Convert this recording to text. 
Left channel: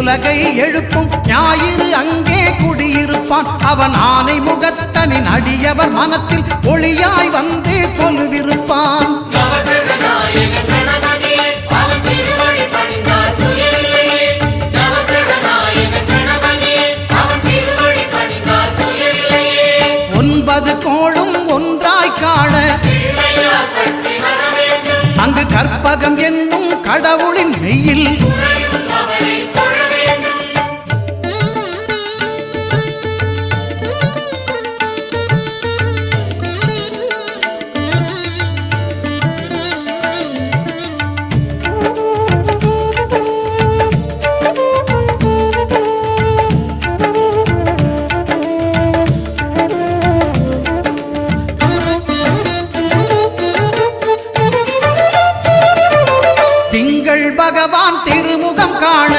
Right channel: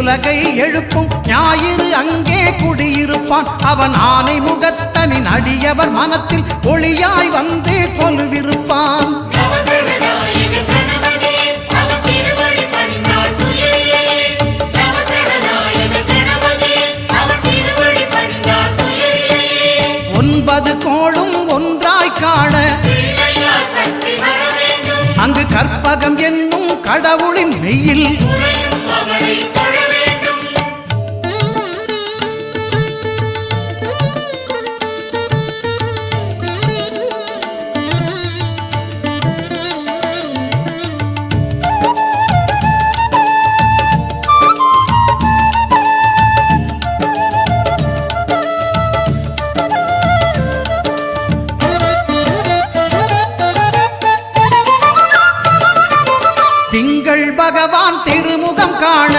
உலகை எழுப்பும் ஞாயிறு அங்கே குடியிருப்பான். அவன் ஆனை முகத்தனின் அடியவர் மனத்தில் ஒளியாய் வந்து கொலுவிருப்பான். ஒன்பது கோளும் ஒன்றாய் காண அங்கு கற்பகம் என்னும் கடவுளின் மெய்யில் திங்கள் பகவான் திருமுகம் காண